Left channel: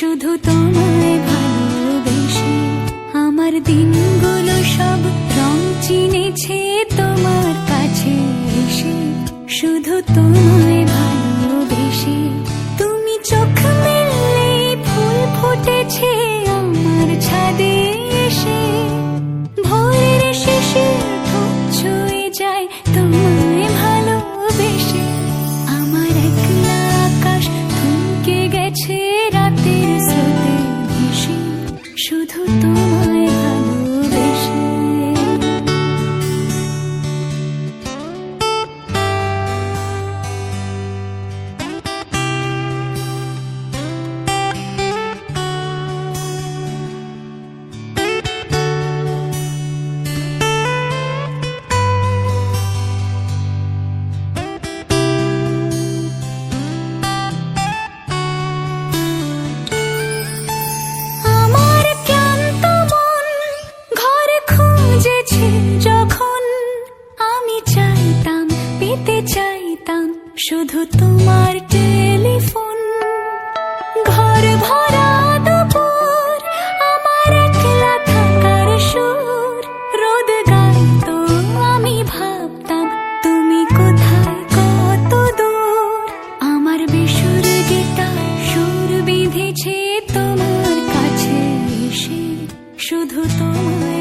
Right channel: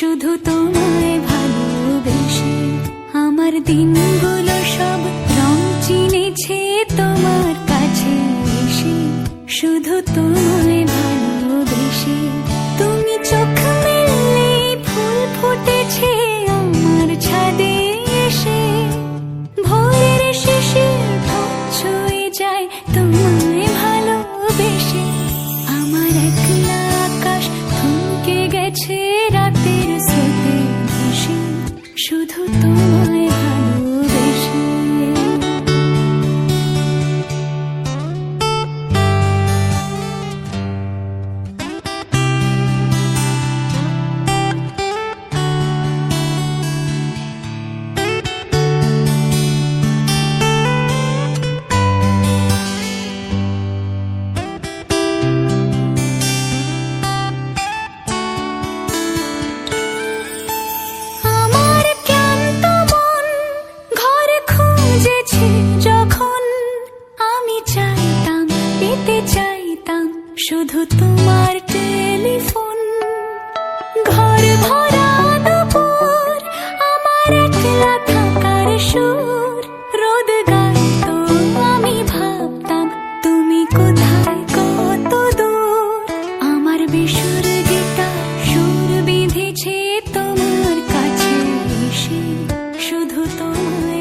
শুধু তোমায় ভালোবেসে আমার দিনগুলো সব রং চিনেছে তোমার কাছে এসে। শুধু তোমায় ভালোবেসে তুমি চোখ মেললে ফুল ফুটেছে আমার ছাদে এসে। ভোরের শিশির ঠোঁট ছুঁয়ে যায় তোমায় ভালোবেসে। আমার একলা আকাশ থমকে গেছে রাতের স্রোতে ভেসে, শুধু তোমায় ভালোবেসে। যখন আমি চাইতাম পেতে চাইতাম শুধু তোমার টেলিফোন। ঘর ভরা দুপুর আমার একলা থাকার সুর রোদ গাইতো, আমি ভাবতাম তুমি কোথায় কত দূর। আমার বেসুর গিটার সুর বিঁধেছে তোমার কাছে এসে, শুধু তোমায়